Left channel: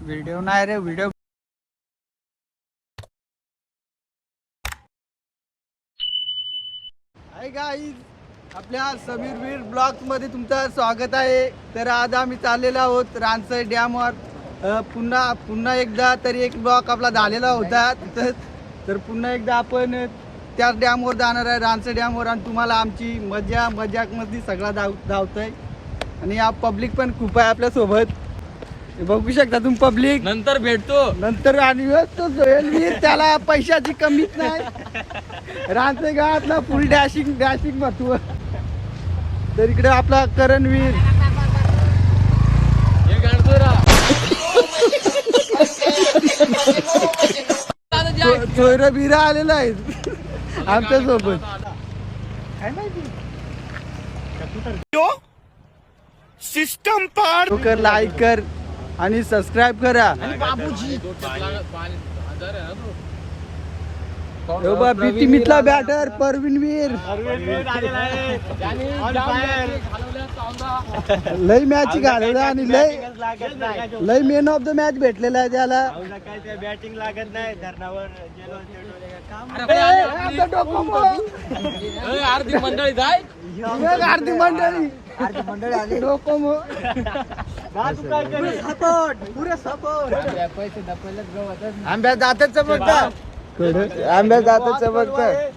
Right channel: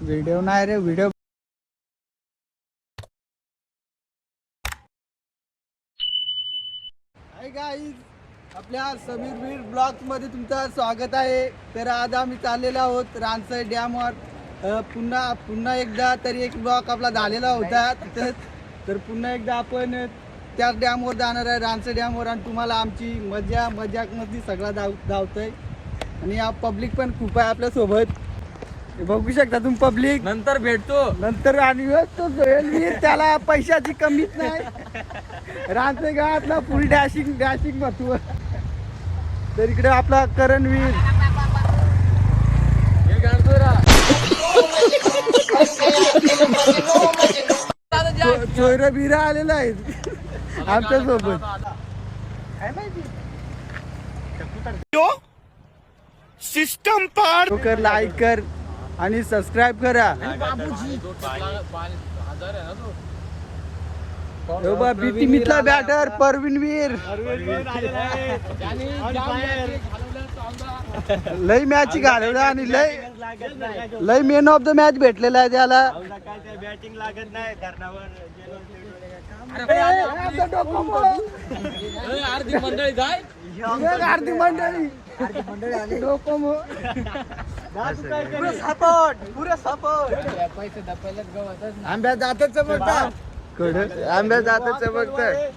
Video नाही रे video आपल्या समीर वीर ब्लॉग्समध्ये तुमचं स्वागत आहे. तर आज आम्ही चाललेलो आहोत रानसर डॅमवर पुन्हा पुन्हा एकदा तरी एक ब्लॉक आपला झालेला होता. तर पुन्हा एकदा आपण त्या डॅमवर जाणार आहे रानसर डॅमवर आणि तुम्हाला आमची मजा मजाकमध्ये सगळा धाव धावतोय. आणि या पब्लिक पण खूप आहे आपल्यासोबत हे बघू शकता तुम्ही पब्लिक नंतर भेटतो. नंतर आणि तो त्याला पैशाची कमीच नाही. राहते गावातला फुल डॅशिंग डॅशिंग महत्त्व तर इकडे आपला करणवीर हे गाडतो रा चोयर बिरा आलेला आहे आमच्यासोबत. सिस्टम पार कर लाईक कर आणि सबस्क्राईब करा. हो बा भीती मितला बॅटर परवीन वीर. लय मॅच घालवला आणि लय लय मेन ऑफ द मॅच भेटलेला आहे त्याला. आमचा डोकं मोड. आरती मंडळी जाय. आरती मंडळी. डोकं मोड. आंब्या जातच चमकता आंब्या जातच चमकत हे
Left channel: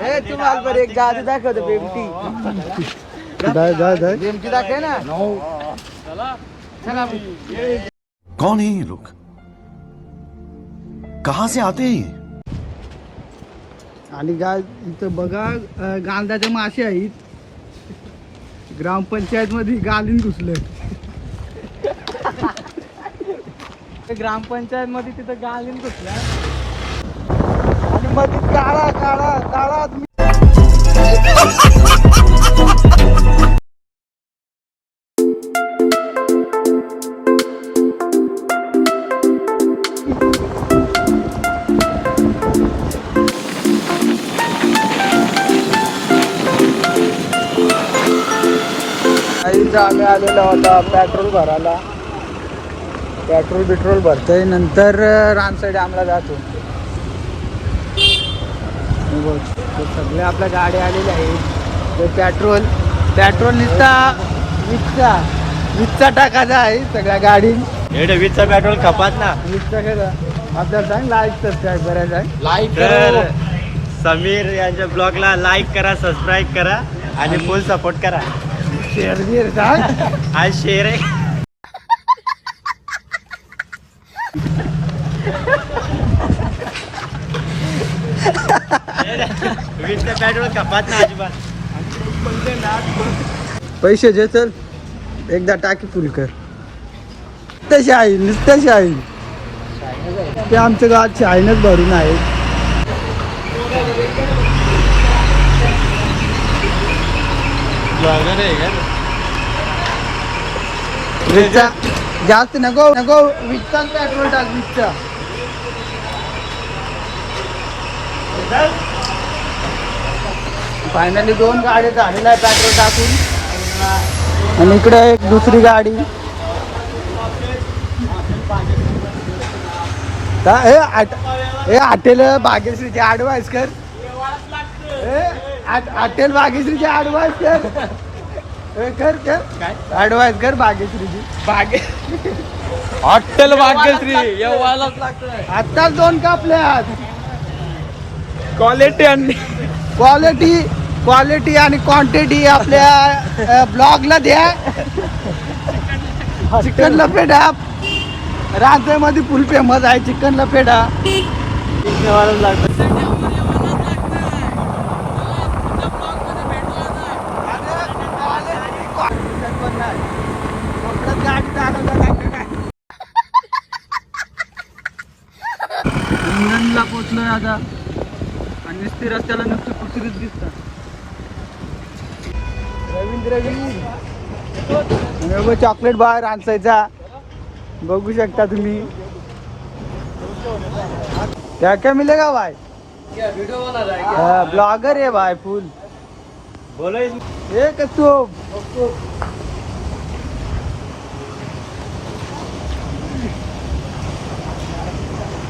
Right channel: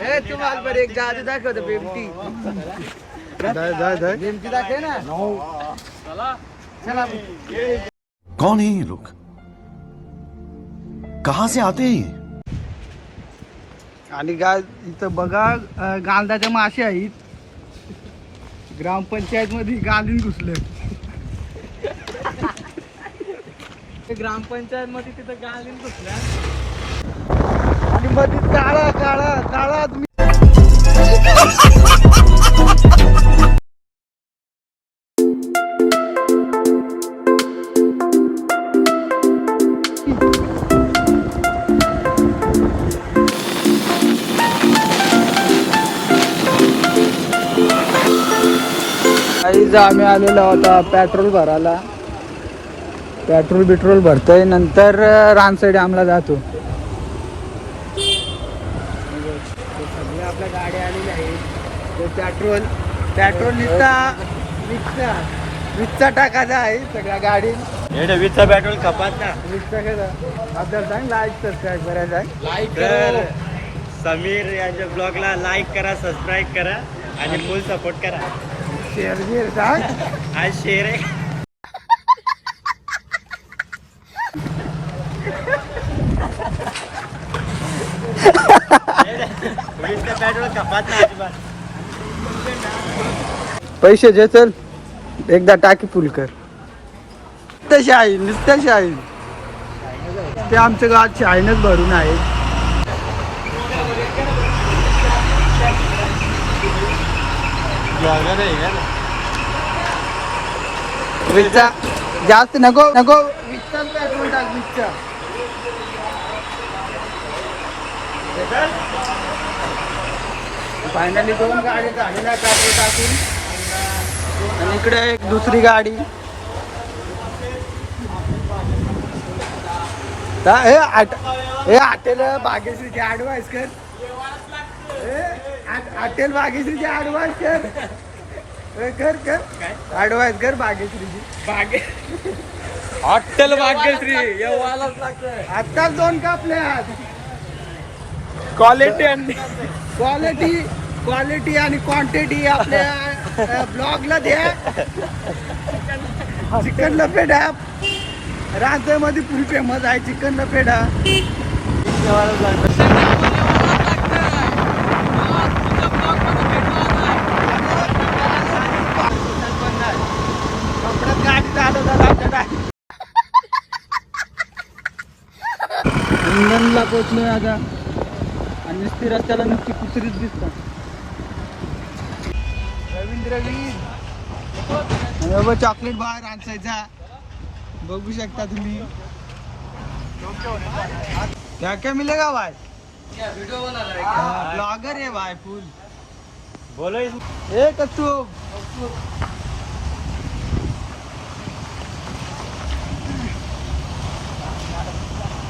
तुम्हाला बरं एक जादू दाखवतो बेमटी दाय दाय दाय बेमटी दाखव ना? चला। कौन है ये लोग? कहां से आते हैं आणि गा इथं बघा अं, गांजाच्या मासे आहेत. ग्रामपंचायत मध्ये गालीन घुसले ग्रामपंचायत मध्ये तिथं गालीन घुसल्या पेट्रोल भरतोय नंतर रामसाईड आम्हाला जातो बघ, ते सगळे आपल्या गाड्या आलेल्या आहेत. ते पेट्रोल पेट्रोल निघता विकता विकता टाकायचा आहे सगळ्या गाडी. वीसचे पेट्रोल कपात ना. विकता कसा आपल्याला सांग लाईक सबस्क्राईब करायला सांग. लाईक तर समीर यांच्या ब्लॉगला लाईक करा सबस्क्राईब करा आणि फुल सपोर्ट करा. शेअर बिअर सांग. हा शेअर आहे. वीसचे पेट्रोल कपात ना अजिबात. पैसे जे चल एकदा टाकी फुल कर. तशी आहे नुसतं शाहीन ते आमच्या गावात शाहीनच भरून आहे. वीसचा जास्त नको नको. वीसचा पेट्रोल टाक वीसचा फायनली दोन गाडी झालेल्या आहे पेट्रोल टाकून. आणि इकडे एक दुसरी गाडी. ता- हे आट हे हॉटेल भाग्यश्रीचे ॲडवाईस कर. हे आट- हॉटेल भाग्यश्रीचे ॲडवाईस कर. कर कर. ॲडवाईस कर भाग्यश्रीची भाग्य हॉटेल भाग्यश्री येवायलाच लागतंय. आत्ताच दोन कापले आहात क्वालिटी आणि क्वालिटी क्वालिटी आणि क्वांटिटी आपल्या ब्लॉगला द्या. चिकन लपेटा राजमध्ये फुल फेमस आहे चिकन लपेटा इंधनला पोचलोय आता आणि नुसती रस्त्याला नुसती कुत्रीच दिसते. रवींद्र चॉकलेट बाहेर आणसायचा. बघू शकता तुम्ही. क्या क्या मिलेगा भाई ब्लॉगर आहे भाई फुल बोलो हे तू.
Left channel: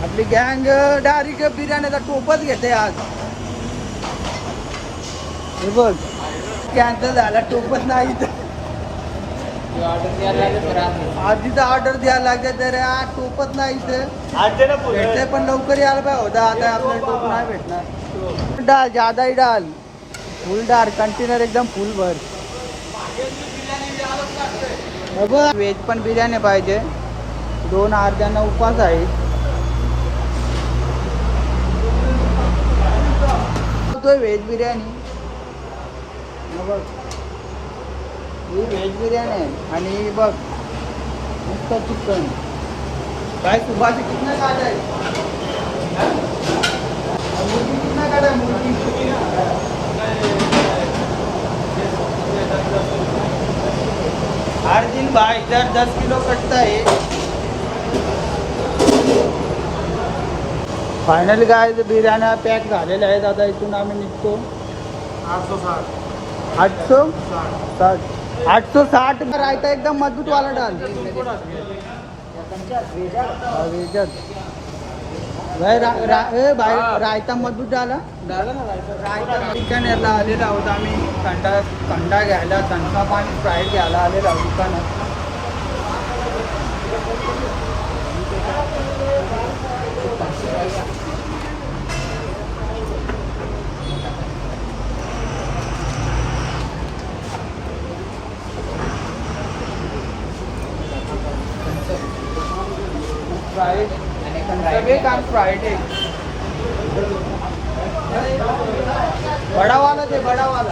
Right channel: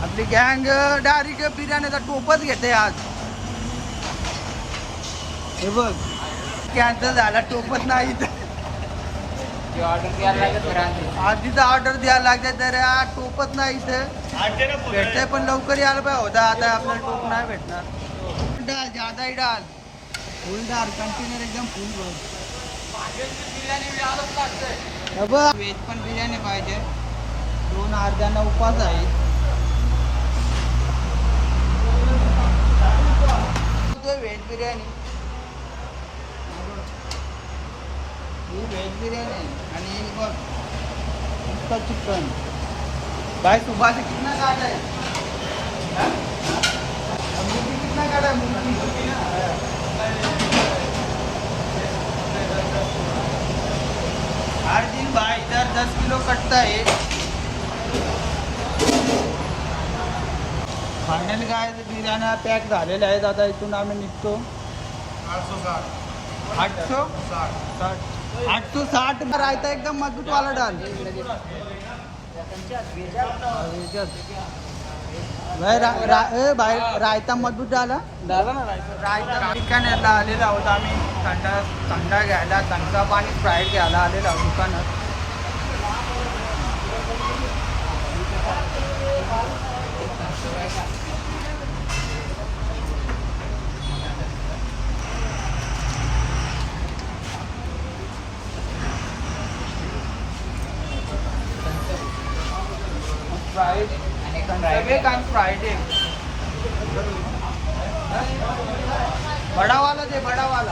आपली गँग डायरेक्ट बिर्याणीचा टोपच घेते आज. हे बघ. कॅन्सल झाला टोपच नाही. तर. आधीचा ऑर्डर द्यायला लागते तर टोपत नाही तर भेटतंय पण लवकर यायला पाहिजे. होता आता आपल्याला टोप नाही भेटणार. डाल जादाही डाल. फुल डाल कंटेनर एकदम फुल भर. हे व्हेज पण बिर्याणी पाहिजे. दोन अर्ध्यांना उपास आहे. व्हेज बिर्याणी. बघ. ही व्हेज बिर्याणी आहे आणि ही बघ मुक्त चिकन. काय सुभाष कितना काटा है? हाँ? और मुर्गी कितना काटा है मुर्गी. हर दिन भाई इधर दस किलो कटता है फायनल काय बिर्याण्या पॅक झालेल्या आहेत आता इथून आम्ही निघतो. आठशो साठ. आठशो साठ रायता एकदम मजबूत वाला डाल. भाई रायता मजबूत डाला. रायता. आलेला आहोत आम्ही. थंडा थंडा घ्यायला थंडा पाणी स्प्राईट घ्यायला आलेला आहोत दुकानात स्प्राईट सगळे काम स्प्राईट एक बडावाला दे बडावाला.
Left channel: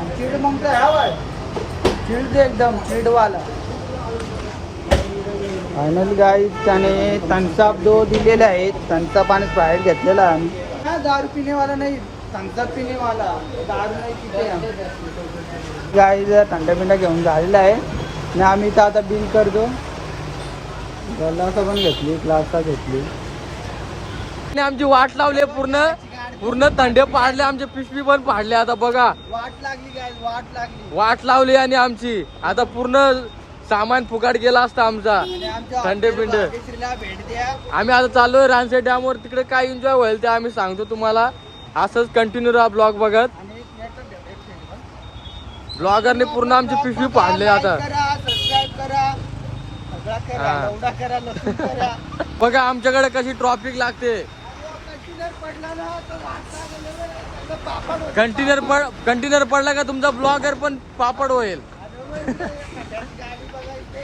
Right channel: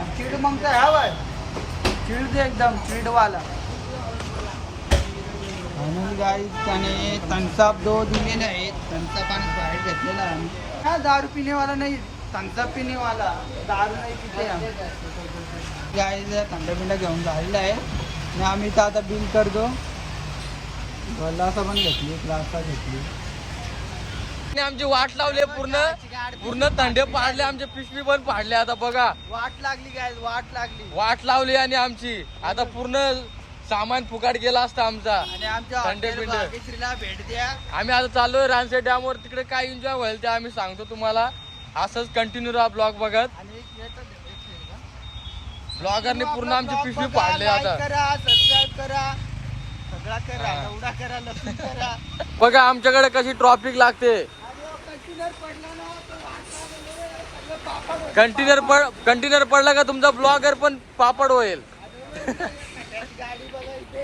आणि चिड मग तर ह्या बाय. चिड दे एकदम चिडवाला. फायनल गाई त्याने थम्सअप दो दिलेले आहेत थम्सअप आणि स्प्राईट घेतलेला. आहे आम्ही हा दारू पिणेवाला नाही थम्सअप पिणेवाला. दारू नाही पिते आम्ही. गाई थंडा पिंडा घेऊन झालेला आहे. आणि आम्ही इथं आता बिल करतो. ग्लासा पण घेतली ग्लासा घेतली. आणि आमची वाट लावली पूर्ण पूर्ण थंडे पाडले आमचे पिशवी पण पाडले. आता बघा. वाट लागली काय वाट लागली. वाट लावली आणि आमची. आता पूर्ण सामान फुकाट गेला असता आमचा. थंडे पिंडे. भेट द्या. आम्ही आता चाललोय रानसे डॅम वर तिकडे काय एन्जॉय होईल ते आम्ही सांगतो तुम्हाला. असंच कंटिन्यू राहा ब्लॉग बघत. हं. ब्लॉगरने पूर्ण आमची पिशवी पाडली आता. करा सबस्क्राईब करा. सगळा करा हा. एवढा करा लसूण करा. बघा आमच्याकडे कशी ट्रॉफिक लागते. कंटेनर पडला ना तर वाटता गेलं बरं, सगळं पापड होतं. कंटेनर पड कंटेनर पडला का तुमचा ब्लॉगर पण पापड होईल. त्याची गाडी बघा इथे.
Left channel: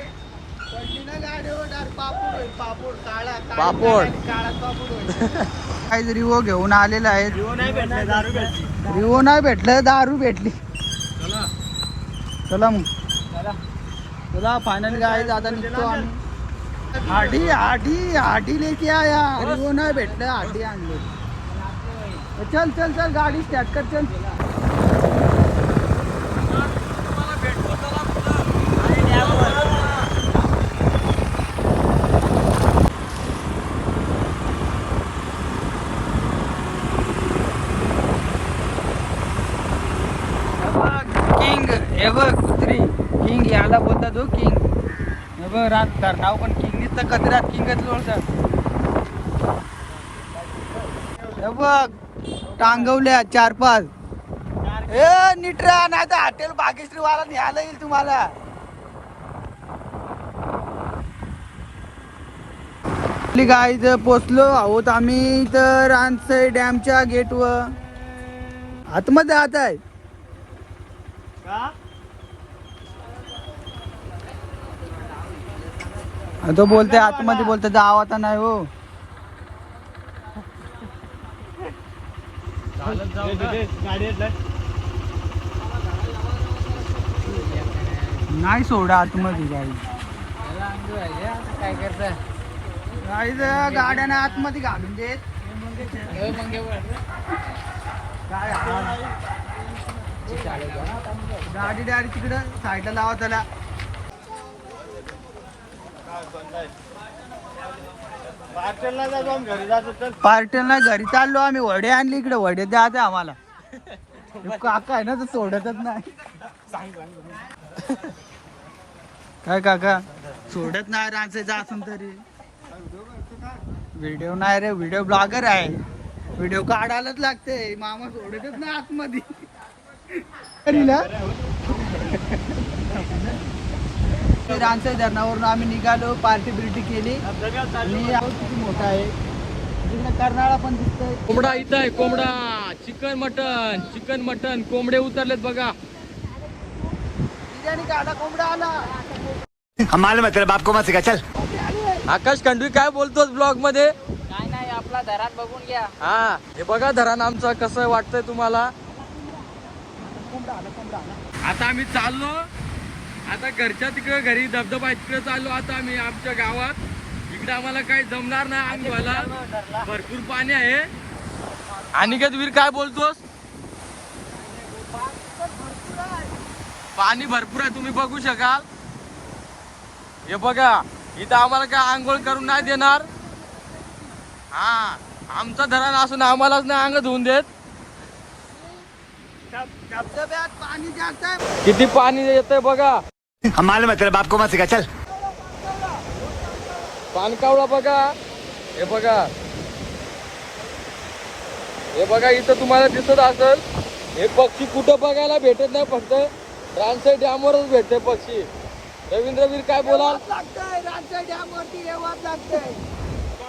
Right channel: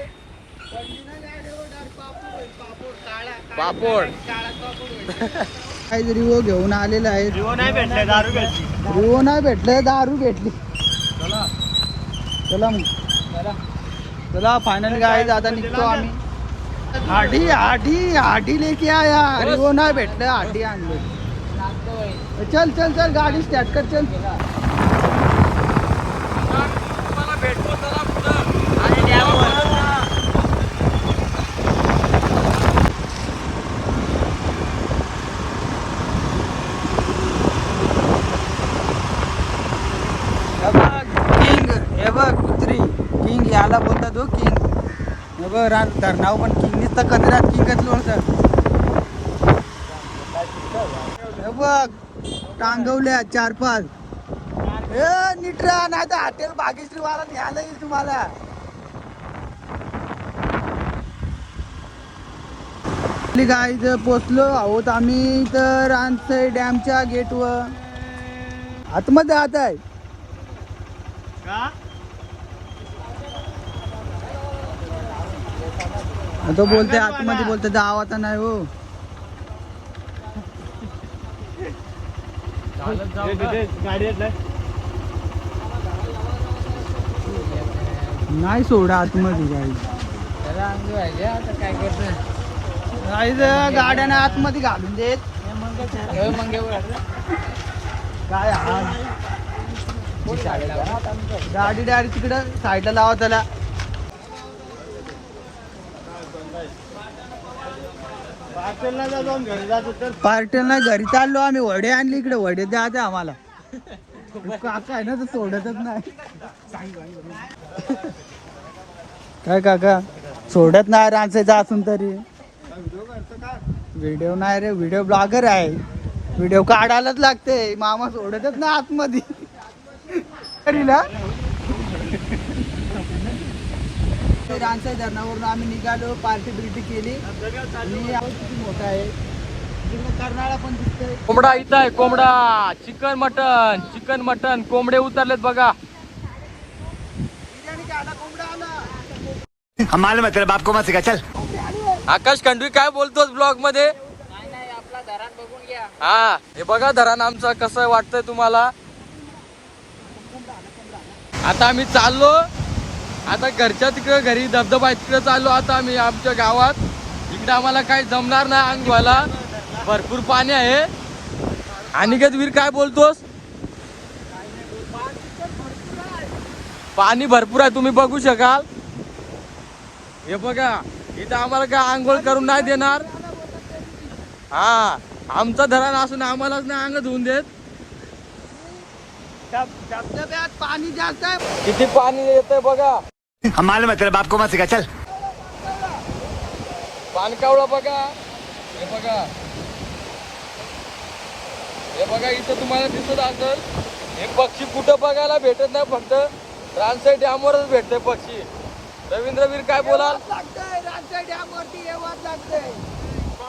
कंटेनर गाडीवर डायरेक्ट पापड होईल पापड काळा काळी पापड. गाडी, काळा पापड होईल. काही रिवो घेऊन आलेला आहे जीव नाही भेटले दारू भेटली. रिवो नाही भेटलं दारू भेटली. चला. मग. चला फायनल गाईज आता निघतो आम्ही. आधी आधी हाडी लेके आया. रिवो हो नाही भेटलं आधी आणलं. चल चल चल गाडी स्टार्ट कर चल. रान बघ धरणाव पण किंग नुसतं कचऱ्यात किंगच लोळतात हे बघ टांगवल्या चार पाच. ए नीट राहा नाही तर हॉटेल भाग्यश्री वाला न्यायला येईल तुम्हाला. गाय जर पोचलो आहोत आम्ही तर रानसई डॅमच्या गेटवर. आतमध्ये जात आहे. का? तो बोलते आतमध्ये बोलते जाव आता नाही हो. गाडी नाही सोडा आतमध्ये गाईज गाड्याने आतमध्ये घालून देत. काय हाल? गाडी डायरेक्ट तिकडं साईडला लावा त्याला. पार्टीला घरी चाललो आम्ही. वडे आणले इकडे. वडे द्यायचे आम्हाला. काका आहे ना तर सोडतच नाही. काय काका? सोडत नाही रांचायचं असून तरी. व्हिडिओ नाही रे. व्हिडिओ ब्लॉगर आहे. व्हिडिओ काढायलाच लागते. मामा सोडतच ना आतमध्ये. रांचाई धरणावरून आम्ही निघालो पार्टी बिर्टी केली. किती मोठा आहे. तिकडनं कर्नाळा पण दिसतोय. कोंबडा इथं आहे कोंबडा. Chicken mutton. Chicken mutton. कोंबडे उतरलेत बघा. बिर्याणी का आला कोंबडा आला. हम मालूम तेरे बाप को मत सिखा चल। आकाश खंडवी काय बोलतोस ब्लॉगमध्ये? काय नाही आपला धरान बघून घ्या. हा हे बघा धरण आमचं कसं वाटतंय तुम्हाला. आता आम्ही चाललो. आता घरच्या तिकडे घरी धबधबा तिकडे चाललो आता आम्ही आमच्या गावात. इकडे आम्हाला काही जमणार नाही अंग धुवायला भरपूर पाणी आहे. अनिकेत वीर काय बोलतोस? पाणी भरपूर आहे तुम्ही बघू शकाल. हे बघा इथं आम्हाला काय आंघोळ करून नाही देणार. हा आमचं धरण असून आम्हालाच नाही अंग धुवून देत. पाणी जास्त किती पाणी येतंय बघा. हम मालूम है तेरे बाप को मत सिखा चल। पानकावळा बघा हे बघा हे बघा इथं तुम्हाला दिसत असेल हे पक्षी कुठं बघायला भेटत नाही फक्त. रानसाई डॅमवरच भेटते पक्षी. रवींद्रवीर काय लागतंय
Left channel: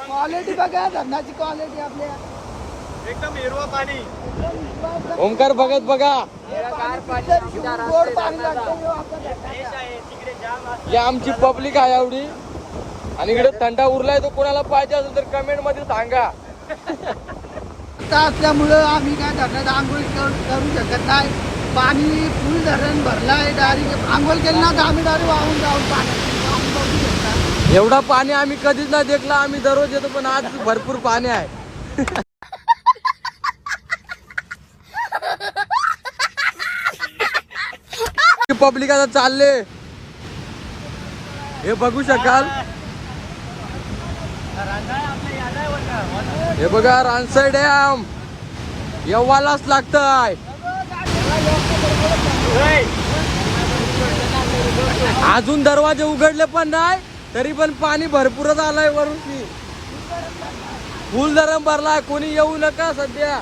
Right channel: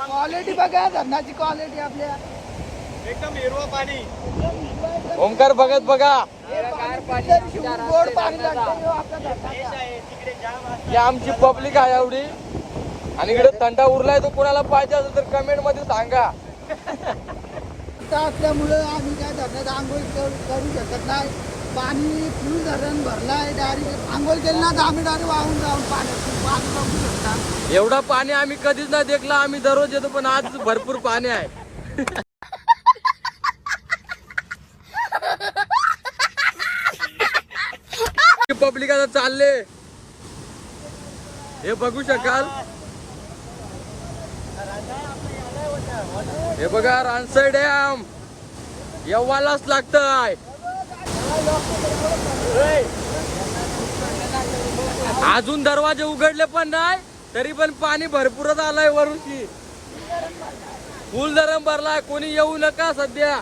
क्वालिटी बघा धरणाची क्वालिटी आपल्या. ओंकार बघत बघा गोड पाणी लागतंय. ही आमची पब्लिक आहे एवढी आणि इकडे थंडा उरलाय तो कोणाला पाहिजे असेल तर कमेंटमध्ये सांगा. आता असल्यामुळं आम्ही काय धरणात आंघोळ कर- शकत नाही. पाणी फुल धरण भरलाय डायरेक्ट आंघोळ केलं ना तर आम्ही डायरेक्ट वाहून जाऊ. बघू शकता एवढा पाणी आम्ही कधीच नाही देखला आम्ही दररोज येतो पण आज भरपूर पाणी आहे. पब्लिक आता चालले. हे बघू शकाल. हे बघा रानसई डॅम. येवालाच लागतंय अजून दरवाजे उघडले पण नाही तरी पण पाणी भरपूरच आलंय वरून फुल धरण भरलाय कोणी येऊ नका सध्या.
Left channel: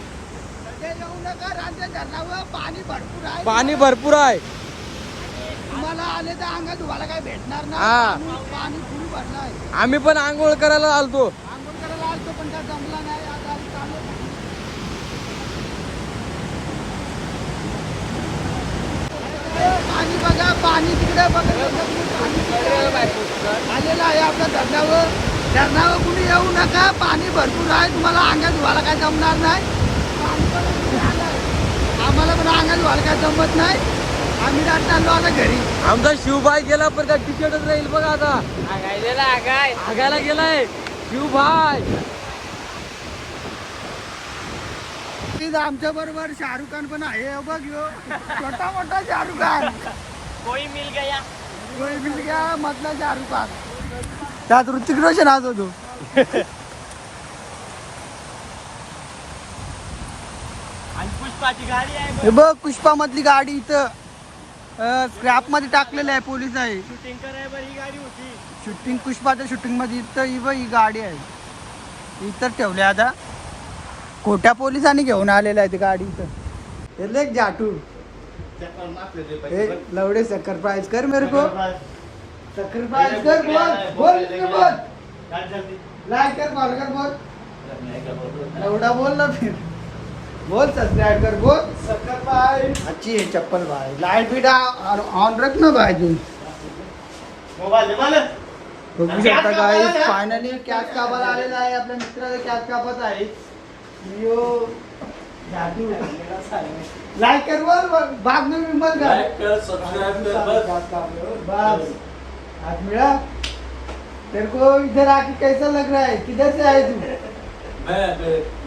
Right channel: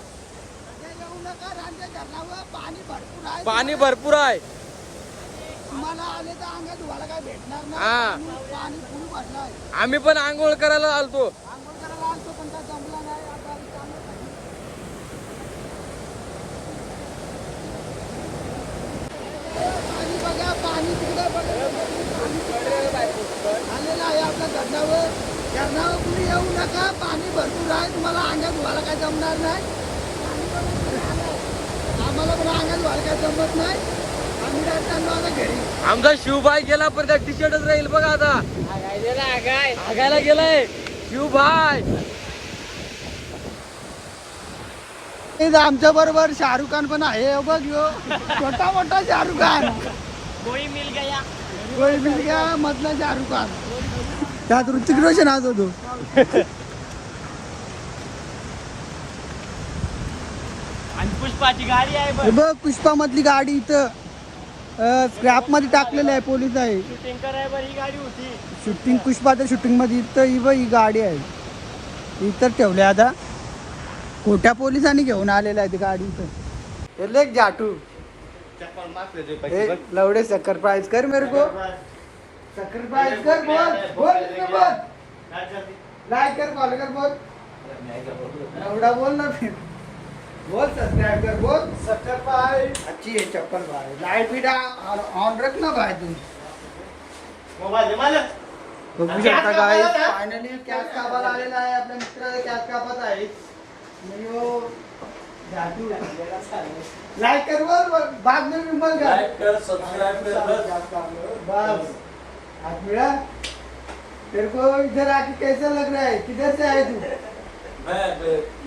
पाणी भरपूर आहे पाणी भरपूर आहे तुम्हाला आले तर अंगात तुम्हाला काय भेटणार हा. आम्ही पण आंघोळ करायला आलतो. पण बघा पाणी तिकडे बघा. पाणी आलेलं आहे आपल्या धरणावर. धरणावर कुणी येऊ नका. पाणी भरपूर आहे. तुम्हाला अंगात धुवायला काय जमणार नाही. आम्हाला पण अंगात धुवायला काय जमत नाही. आम्ही चाललो आता घरी. आमचा शिवभाई गेला पण त्या टी शर्टच राहील बघा आता. आगायला गेलाय. शिवभाई आमच्या बरोबर शाहरुख खान पण आहे हे बघ यो. छोटा मोठा शाहरुख खान. कोई मिल गया मधला शाहरुख खान. त्यात ऋतिक रोशन आज होतो. पुष्पाची गाडी आहे बघ. पुष्पा मधली गाडी इथं. स्क्रॅपमध्ये टाकलेलं आहे पोलीस आहे. शूटिंग पुष्पाच्या शूटिंगमध्ये इथं ही बघ ही गाडी आहे. इथं ठेवले आता. खोट्या पोलिसांनी घेऊन आलेलं आहे ती गाडी इथं. हे जाटू. हे लवडे सकर प्राइस कर मेरे को. सकर प्राइस कर बोल बोल बोल. लाइक कर. फॉलो कर बोल. लवडा बोल ना फिर. बोल सब्सक्राइब कर बोल. सकर प्राइस अच्छी है चप्पल भाई. लाइट भी ऑन रख ना भाई तू. मोबाईल बघू शकता गाईस फायनली कॅच कापायला आलेला आहे आपल्या मित्राला कॅच कापत आहे लाइक कर बोल बाद में विमल कर लाइक कर सब्सक्राइब कर बस. आज मिला. तेरे को इधर आके कैसा लग रहा है? किधर से आए तू? मैं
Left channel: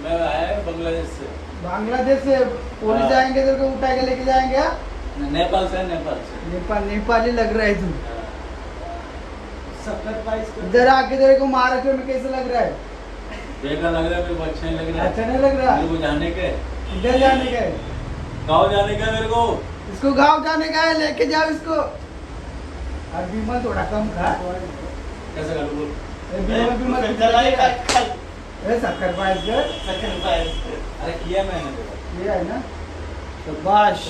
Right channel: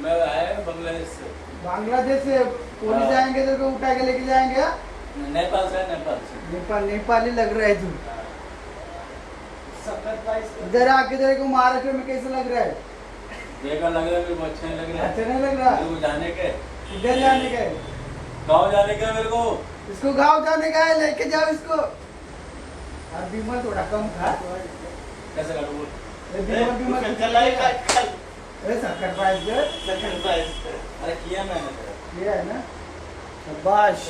मैं आया बांग्लादेश से. बांग्लादेश से पुलिस आएँगे तेरे को उठा के लेके जाएँगे नेपाल से नेपाल से। नेपाल नेपाली लग रहा है तू। इधर आके तेरे को महाराष्ट्र में कैसे लग रहा है? बेकार लग रहा है मेरे अच्छा नहीं लग रहा अच्छा है नहीं लग रहा। मेरे जाने के। इधर जाने का। है गाँव जाने का मेरे को। इसको गाँव जाने का है लेके जाओ इसको। और बीमल थोड़ा कम खा। कैसा कर? बोल ए, बीमल शक्कर पाहिजे। हे आहे ना? शबाश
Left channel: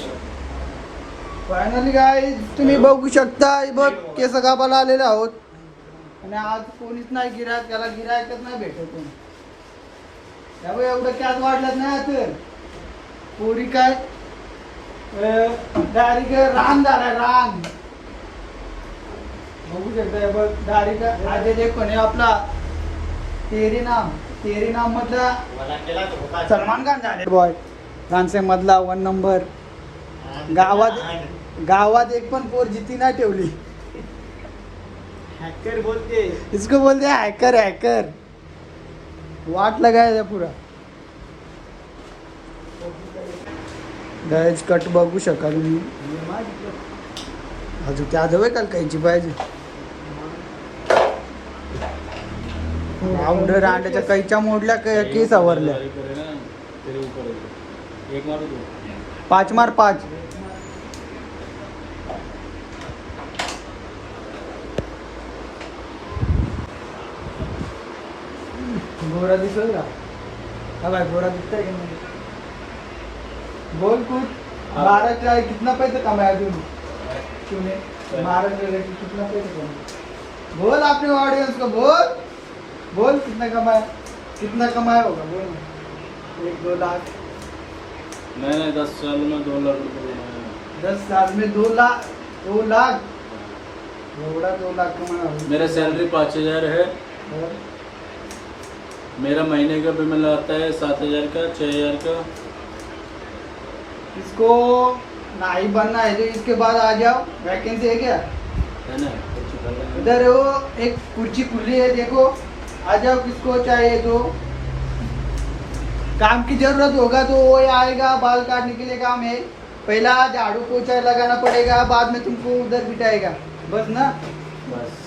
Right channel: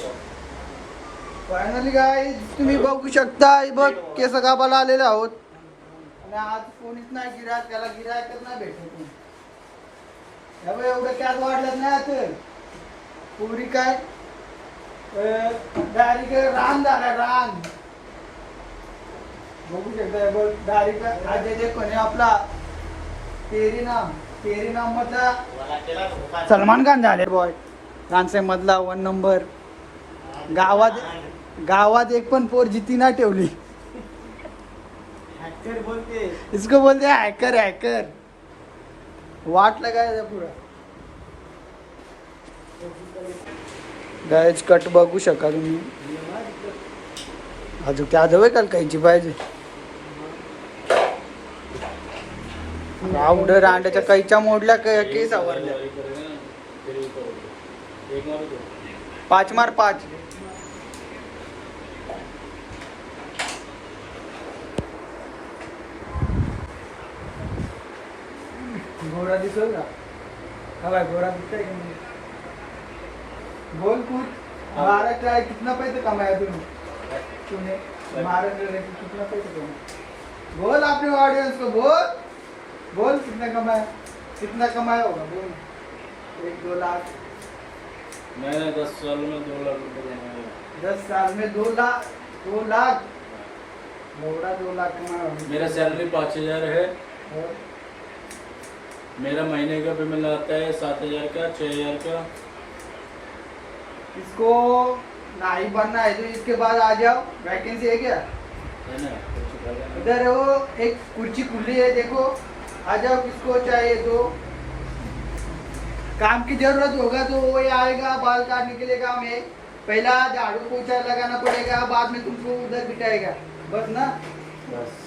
फायनली काय तुम्ही बघू शकता बघ केस कापायला आलेले आहोत. आणि आज कोणीच नाही गिरायक त्याला गिरायकच नाही भेटत कोणी. त्यामुळे एवढं कॅस वाढलंच नाही आता. पोरी काय? डायरेक्ट रान झालाय रान. बघू शकता बघ डायरेक्ट आज जे कोणी आपला तेरी नाम. तेरी नाम मधला सलमान खान झाले बॉय रानसे मधला वन नंबर गावात गावात एक पण पोर जिती नाही ठेवली. हॅकर बोलते. इसको बोलते हॅकर हॅकर वाट लगाय पुरा. गायच कट बघू शका तुम्ही अजून त्या जवळ काल कायची पाहिजे? राऊंड रांड्याच्या कैच्या मोडल्या क- केस आवरल्या पाच मार पाच. गोरा दिसल का? हा भाई गोरा दिखता है कि बोल कुछ महाराज का कितना पैसा कमाया तूने तूने महाराज कितना पैसा कमाया? बोल अपने ऑडियंस को बोल. बोल कितना कमाया? कितना कमाया होगा? बोल। एक दो लाख। मैंने दस साल में दो लाख रुपए देना दस साल में दो लाख दो लाख? एवढा दो लाख कमाया मेरा सैलरी पाँच हज़ार है। और? मेरा महीने का पेमेंट आता है सात हज़ार का छः हज़ार का। इसको नहीं बनना है तो इसके बाद आ जाओ। वैकेंसी है क्या? है ना उधर वो एक कुर्सी खुली है देखो। आ जाओ किसको चाहिए तो? काम की जरूरत होगा तो वो आएगा बाल काटने के लिए काम है। पहला झाड़ू पोछा लगाना पड़ेगा बाद में तुमको उधर बिठाएगा। बस ना? बस।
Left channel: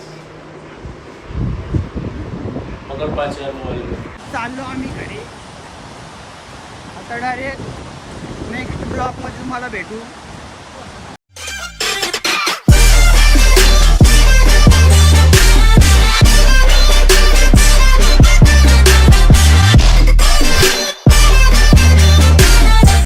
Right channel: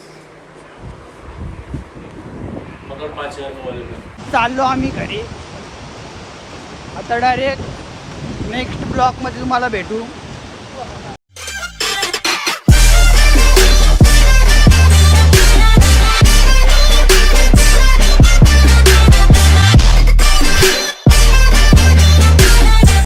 चाललो आम्ही घरी. आता डायरेक्ट नेक्स्ट ब्लॉकमध्ये तुम्हाला भेटू.